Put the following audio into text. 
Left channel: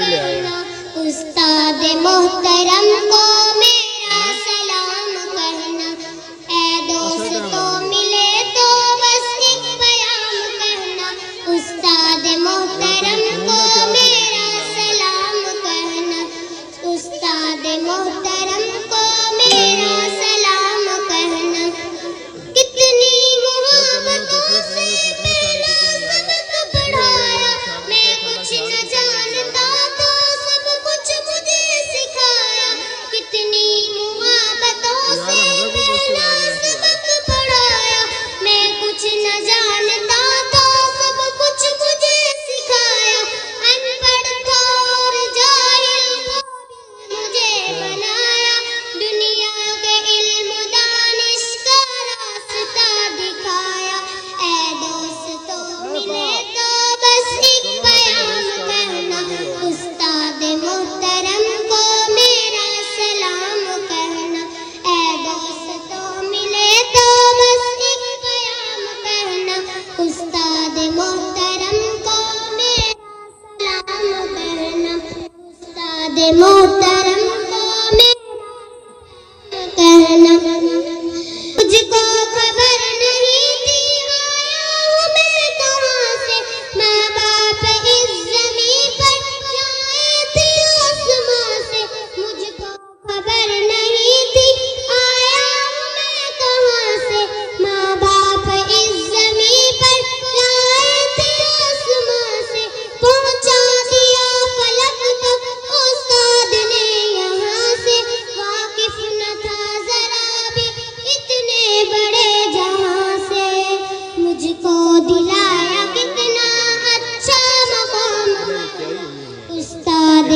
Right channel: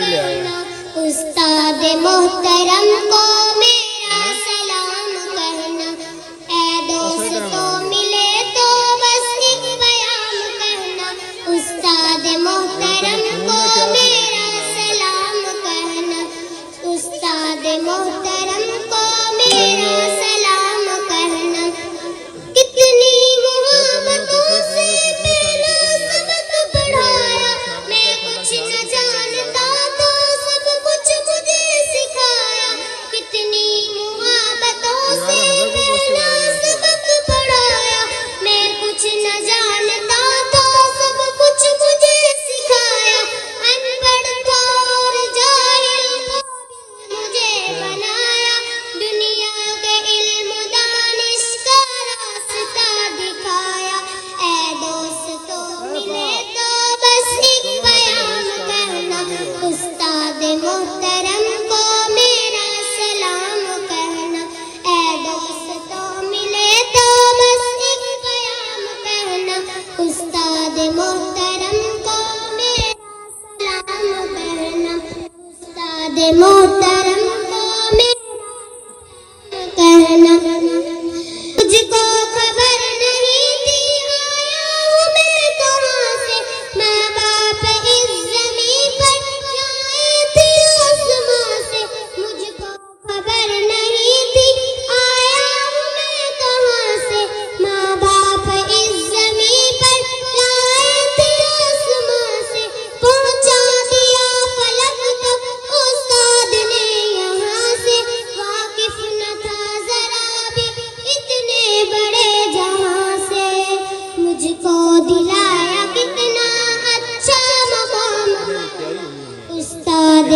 کرنا، استاد محترم کو میرا سلام کرنا، اے دوستوں ملے تو بس ایک پیام کرنا، استاد محترم کو میرا سلام کرنا، استاد محترم کو میرا سلام کرنا، کتنی محبتوں سے میرا سبق پڑھایا، میں کچھ نہ جانتا تو سب کچھ مجھے سکھایا، کتنی محبتوں سے میرا سبق پڑھایا، میں کچھ نہ جانتا تو سب کچھ مجھے سکھایا، ان پڑھ تھا اور جاہل مجھے بنایا، دنیا کے علم دانش کا راستہ دکھایا، اے دوستوں ملے تو بس ایک پیام کرنا، استاد محترم کو میرا سلام کرنا، اے دوستوں ملے تو بس ایک پیام کرنا، استاد محترم کو میرا سلام کرنا، استاد محترم کو میرا کہنا، مجھ کو خبر نہیں تھی آیا ہوں میں کہاں سے، ماں باپ اس زمین پر لائے تھے آسماں سے، مجھ کو خبر نہیں تھی آیا ہوں میں کہاں سے، ماں باپ اس زمین پر لائے تھے آسماں سے، پہنچا دیا فلک تک استاد نے یہاں سے، واقف نہ تھا ذرا بھی اتنے بڑے جہاں سے، مجھ کو دلایا کتنا اچھا مقام استاد